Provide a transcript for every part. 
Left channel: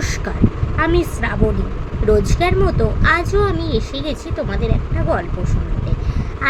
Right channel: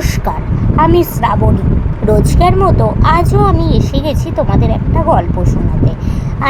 নমস্কার, আমি শ্রাবণী। রোজকার মতো আজও আমি এসে গেছি তোমাদের একটা গল্প শোনাতে।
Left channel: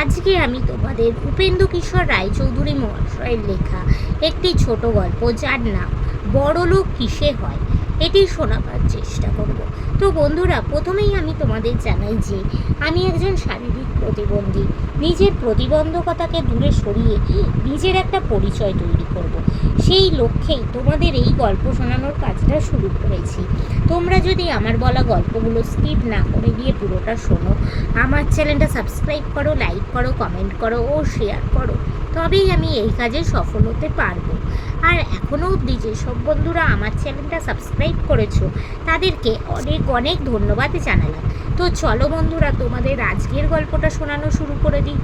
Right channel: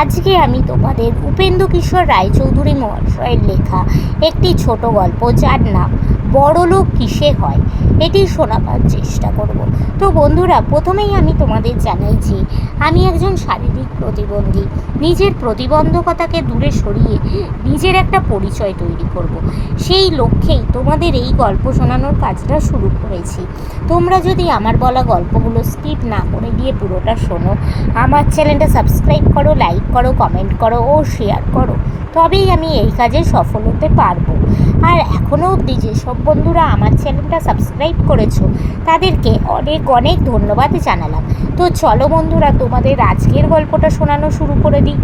আজকে আমি তোমাদের উপেন্দ্র কিশোর রায়চৌধুরী মহাশয়ের লেখা একটি ছোট গল্প যার নাম বড়লোক কিসে হয়? এটি শোনাবার চেষ্টা করব। তো বন্ধুরা, প্রথমেই আমি তোমাদের জানাই যে, আমি একজন শারীরিক প্রতিবন্ধী। নিজের প্রতিবন্ধকতাকে দূরে সরিয়ে নিজের একটা পরিচয় তৈরি করব। সেই লক্ষ্যেই তোমাদের এই গল্প শোনানোর কাজটা শুরু করেছি। তোমরা যদি আমার বলা গল্পগুলো স্কিপ না করে দিয়ে পুরোটা শোনো, আমার চ্যানেলটা সাবস্ক্রাইব করো, লাইক করো, কমেন্ট করো ও শেয়ার করো। তবেই আমি এই কাজে সফল হতে পারব। আর এখনও অবধি যেসব বন্ধুরা আমার চ্যানেলটা সাবস্ক্রাইব করেছ, তাদেরকে অনেক অনেক ধন্যবাদ জানালাম। তো চলো বন্ধুরা, তোমাদের আজকের গল্পটা শোনানো শুরু করে দিই।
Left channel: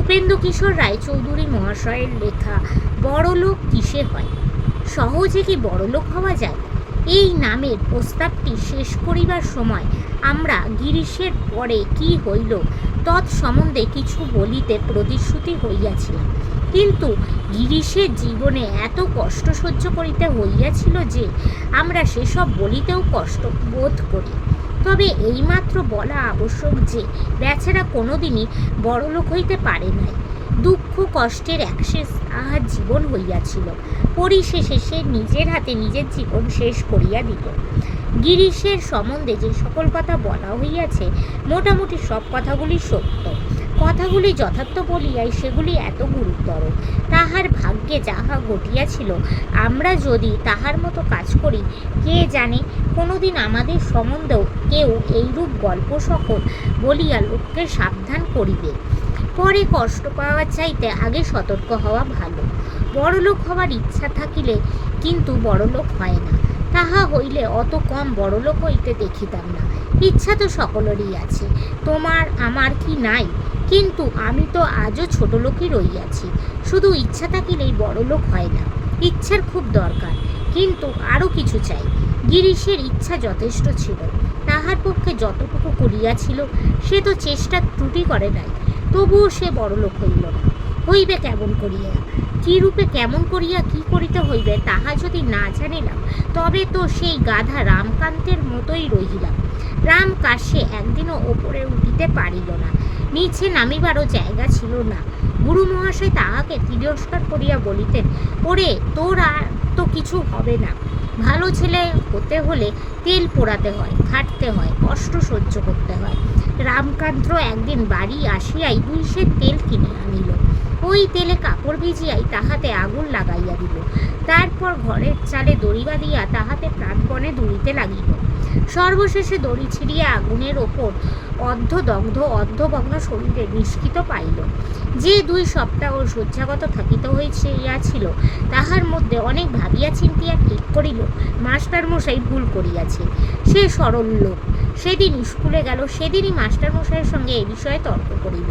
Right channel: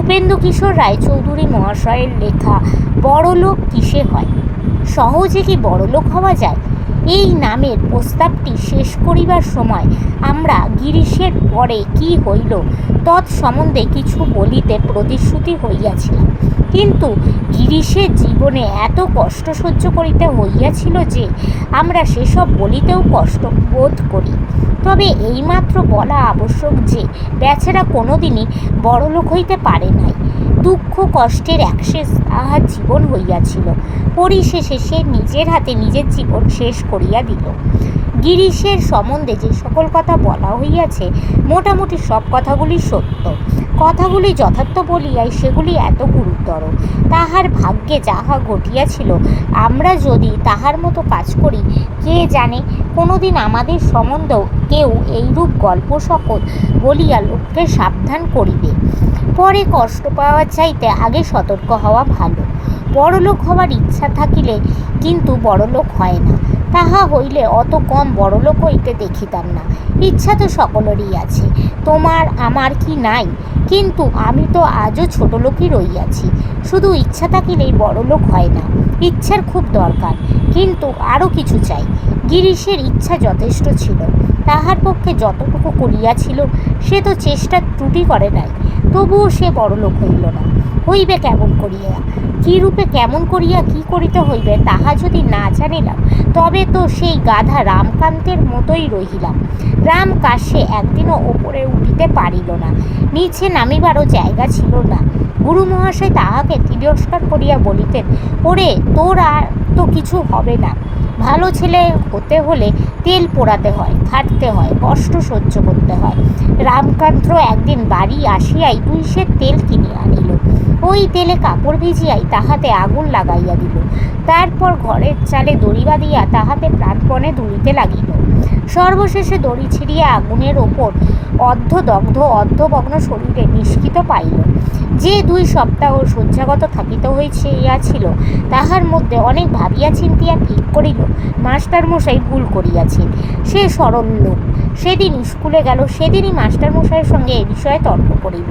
উপেন্দ্র কিশোর রায়চৌধুরী মহাশয়ের লেখা, বড়লোক কিসে হয়? সহজে কি বড়লোক হওয়া যায়? এই নামের প্রস্তাবটি শেষ করিবার সময় আমরা গিরিশের পরে কি হইল তৎসম্বন্ধে কিছু বলিতে প্রতিশ্রুতি হইয়াছিল। কিন্তু গিরিশের জীবনে এত কষ্ট সহ্য করিতে হইয়াছিল যে আমরা সেসব বলিতেও কষ্ট বোধ করি। তবে এইমাত্র বলা আবশ্যক যে, বেচারা কোনোদিনই বড়লোক হইতে পারে নাই। দুঃখ, কষ্টের একশেষ তাহার জীবন হইয়াছিল। পরিশেষে সে নিজের হাতে নিজের জীবন শেষ করিয়া দিল। গিরিশের সম্বন্ধে যে সকল কথা বলা হইয়াছে, মোটামুটি সব কথাগুলি সত্য। কথাগুলি যথার্থ বলিয়াই সেগুলি এত গুরুতর। তাহার ভাগ্যে যাহা ঘটিয়াছিল, আমরা যদি তাহার মতো কাজ করি, কে জানে, কোনোদিন আমাদের সম্বন্ধেও কেউ এইরূপ গল্প সকল বলিয়া লোককে সাবধান করিবে। পরে কষ্ট পাওয়ার চাইতে আগে সতর্ক হওয়া ভালো। বড়লোক হওয়ার ইচ্ছা থাকিলে কিন্তু বড়লোক হয় না। তাহা হইলে অত কম বড়লোক হইতে দেখিতাম না। ইচ্ছা তো সকলেরই আছে। তোমার আমার কি নাই? কিন্তু আমি তো আজও ছোট লোকই রইয়াছি শুধু ইচ্ছা থাকিলেই বড়লোক হয় না। ইচ্ছার খুব দরকার, কিন্তু আরও কিছু চাই। গিরিশের ইচ্ছা যথেষ্ট ছিল। তাহার পক্ষে যতটুকু করিয়াছিল সে তো চেষ্টা ত্রুটি করে নাই। তবুও সে বড়লোক হইল না। হইবে কেমন করিয়া? কি রূপে কেমন করিয়া কি করিতে হইবে তাহা যদি না জানিলাম, তবে তো সেই গাধা রামকান্তের মতোই রহিলাম। রাম কাশে একদিনও ওপরে উঠিতে পারিল না, নিচে নামিবারও জায়গা ছিল না। গুরু মহাশয় তাহাকে তিরস্কার করিয়া বলিতেন, ওরে তোর আর তো কিছু হবে না। ভালো ছেলে হতে হলে তেল পোড়াতে হয় খাটতে হয়, কষ্ট সহ্য করতে হয়। রামকান্ত একদিন বাড়ি আসিয়াই তুই সে তেল কিনিয়া আনিল। ওই তেলে কাপড় ভিজিয়াই তাহাতে আগুন লাগাইয়া দিল। তারপর ঘরের চালে দড়ি বাঁধিয়া তাহাতে প্রাণপণে দুলিতে লাগিল। সর্বশেষে দড়ি ছিঁড়িয়া আগুনের ওপর অর্ধদগ্ধ অর্ধভগ্ন শরীরে নিষ্কৃত পাইল। যে দুই সপ্তাহ শয্যাগত থাকিত থাকিতে হইয়াছিল তাহার মধ্যে অনেক ভাবিয়া চিন্তিয়া ঠিক করিল, মাস্টারমশাই ভুল করিয়াছে সে সরল লোক। সেদিন স্কুলে গেল, সেদিনই মাস্টারমশাইয়ের সঙ্গে এ বিষয়ে তর্ক করিল।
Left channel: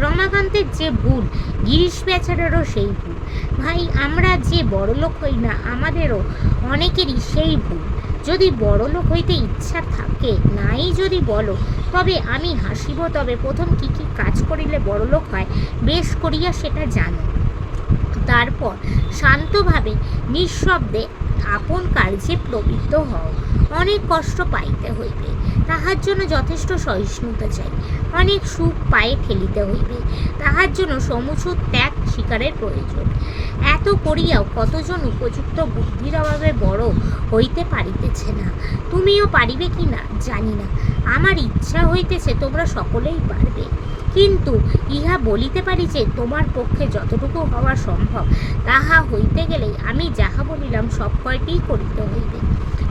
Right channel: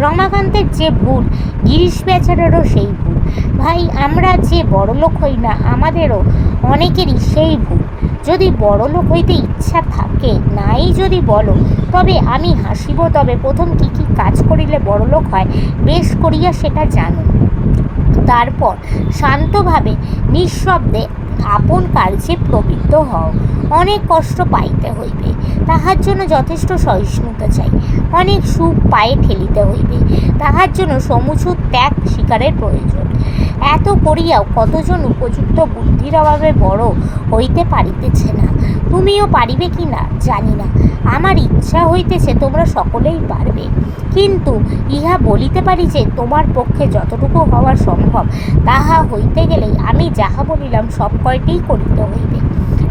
রমাকান্তের যে ভুল, গিরিশ বেচারেরও সেই ভুল। ভাই, আমরা যে বড়লোক হই না, আমাদেরও অনেকেরই সেই ভুল। যদি বড়লোক হইতে ইচ্ছা থাকে, নাই যদি বলো, তবে আমি হাসিব, তবে প্রথম কী কী কাজ করিলে বড়লোক হয়, বেশ করিয়া সেটা জানো। তারপর শান্তভাবে, নিঃশব্দে, আপন কার্যে প্রবৃত্ত হও। অনেক কষ্ট পাইতে হইবে, তাহার জন্য যথেষ্ট সহিষ্ণুতা চাই। অনেক সুখ পায়ে ঠেলিতে হইবে, তাহার জন্য সমুচুর ত্যাগ শিকারের প্রয়োজন। এত করিয়াও কতজন উপযুক্ত বুদ্ধির অভাবে বড় হইতে পারিতেছে না। তুমিও পারিবে কি না জানি না। আমার ইচ্ছা হইতেছে তোমরা সকলেই পারবে। কিন্তু ইহা বলিতে পারি যে, তোমার পক্ষে যতটুকু হওয়া সম্ভব, তাহা হইতে গেলেই আমি যাহা বলিলাম সব কয়টিই করিতে হইবে।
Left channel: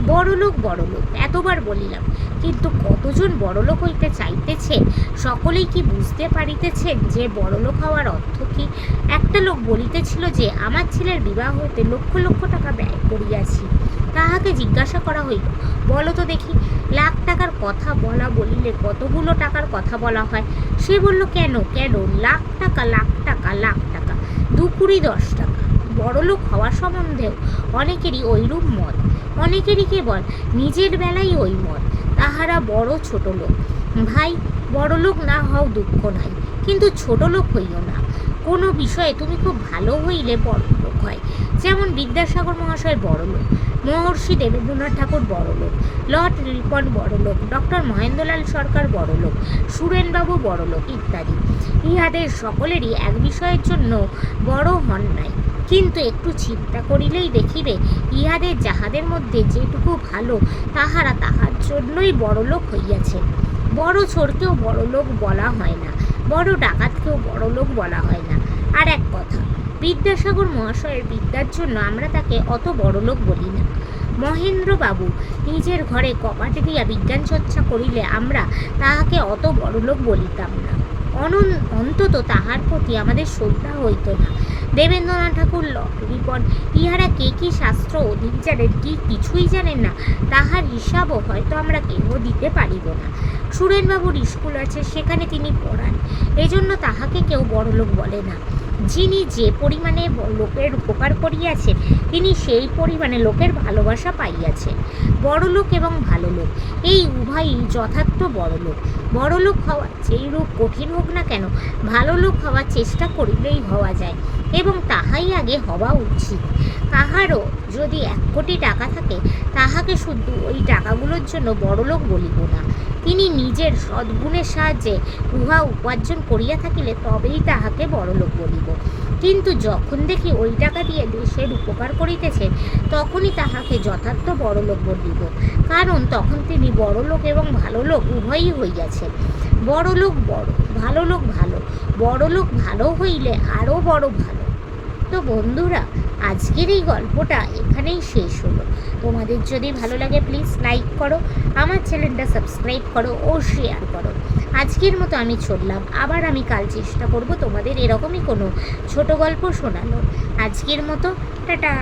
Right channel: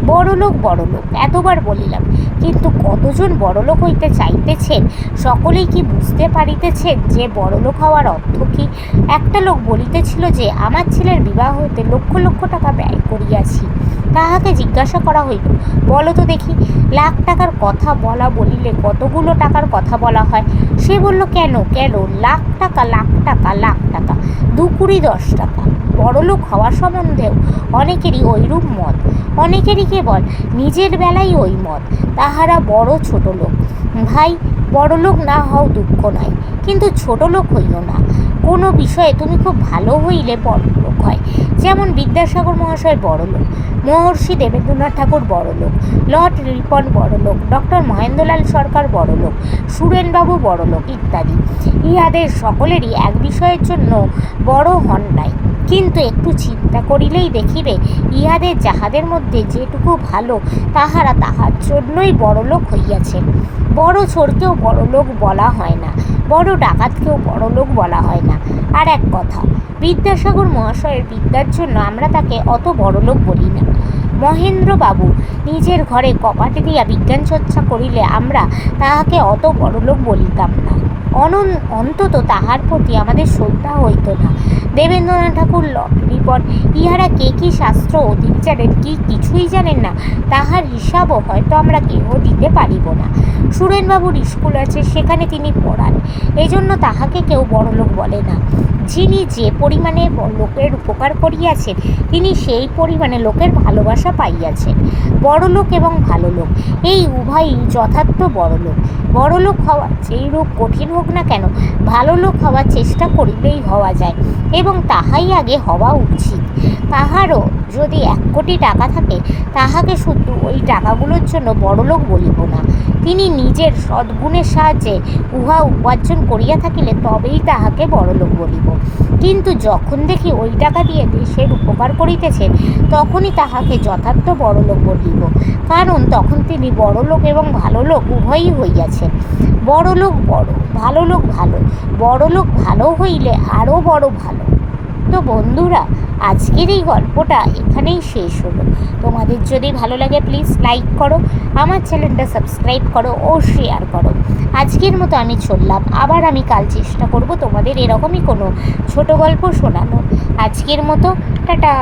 বড়লোক বড়লোক, এতবার বলিলাম। কিন্তু কতজন বড়লোক হইতে চাইতেছেন? সকলেই কি বুঝতে পারিতেছেন যে বড়লোক হওয়ার অর্থ কি? একটা লোক বলিতেছিল যে, আমার ছেলের বিবাহ হইতে লক্ষ লক্ষ টাকা ব্যয় করিয়াছি। তাহাকে জিজ্ঞাসা করা হইল, বলো তো দেখি, লাখ টাকার কথা বলা বলিলে কতগুলো টাকার কথা বলা হয়? সে বলল, কেন কেন? লাখ টাকা লাখ টাকা লাখ টাকা দু দশ টাকা। বড়লোক হওয়া সম্বন্ধেও অনেকেরই ওইরূপ মত। অনেকেরই কেবল নিজের বেলাই ওই মত। তাহারা বড় ছোট লোক। ভাই বড়লোক না হও দুঃখ নাই কিন্তু ছোট লোক হইও না। কোনো বিষয়ে তুমি খুব ভালো হইলে বড় লোক হয়। যেমন বিদ্যাসাগর মহাশয় বড় লোক, মহর্ষি দেবেন্দ্রনাথ ঠাকুর বড় লোক, লর্ড রিপন বড় লোক, ডক্টর মহেন্দ্রলাল সরকার বড় লোক, সুরেনবাবু বড় লোক ইত্যাদি। ইহাদের সকলেরই এক বিষয়ের জন্য বড় হন নাই। কিন্তু একটু চিন্তা করিলেই দেখিবে, ইহাদের যাহাদের মধ্যে যেটুকু ভালো, তাহারা তাহার জন্যই বড়লোক হইয়াছে। বড় চোরকেও বড়লোক বলা হয় না, বড় ডাকাতকেও বড়লোক বলা হয় না। আর এক কথা, বিদ্যাসাগর মহাশয়ের বিদ্যার জন্য আমরা তাকে অত বড়লোক বলি না। মহেন্দ্রবাবু নিজের ঘরে কপাটে দিয়া বিজ্ঞান চর্চা করিলে আমরা তাহাকে অত বড়লোক বলিতাম না। অনন অন্তত তাহার প্রতি আমাদের শ্রদ্ধা হইত না। দেবেন্দ্রনাথ ঠাকুর রিপন ইহারা কে কি শাস্ত্র অধিক কি কিছুই জানেন না, তাহার হিসাবও হয়তো আমরা কেহ দিতে পারিব না। সুরেনবাবুর স্কুল আছে, সেখানে তিনি পড়ান। এজন্য তাহাকে কেউ বড়লোক বলে না। যিনি যে পরিমাণে লোকের উপকার করিয়াছেন, তিনি সেই পরিমাণে লোকের ভালোবাসা পাইয়াছেন। বড়লোক এবং ভালো লোক এই উভয়ই যথার্থ বড়লোক। বড়লোক হওয়া যেই রূপ কঠিন হোক না কেন ভালো লোক হওয়ার চেষ্টা করিলেই হওয়া যায়। এবং তাহাই আগে হওয়া উচিত। তাহারও যদি এক কোটি টাকা থাকে, তাহাকে শুধু ওই টাকাগুলোর জন্য বড়লোক বলিব না। তিনি নিজের সদ্গুণের সাহায্যে উহা উপার্জন করিয়া থাকিলে তবেই তাহাকে বড়লোক বলিব। কিন্তু যখন দেখি ওই টাকা দিয়ে দেশের উপকার করিতেছেন, তখনই তাহাকে যথার্থ বড়লোক বলিব। কারণ তখন তিনি বড়লোক এবং ভালো লোক উভয়ই হইয়াছেন। বড়লোক বড় ভালো লোক ভালো, বড়লোক ভালো হইলে আরও বড় ভালো। তো বন্ধুরা, আজকের এই গল্পটা এখানেই শেষ হলো। তোমাদের যদি ভালো লাগে প্লিজ লাইক করো, আমার চ্যানেলটা সাবস্ক্রাইব করো ও শেয়ার করো। আজকের মতো আমি চললাম। আবার আমি কাল চেষ্টা করব তোমাদের এরকমই কোনো ছোট গল্প শোনানো আজকের মতো, টাটা।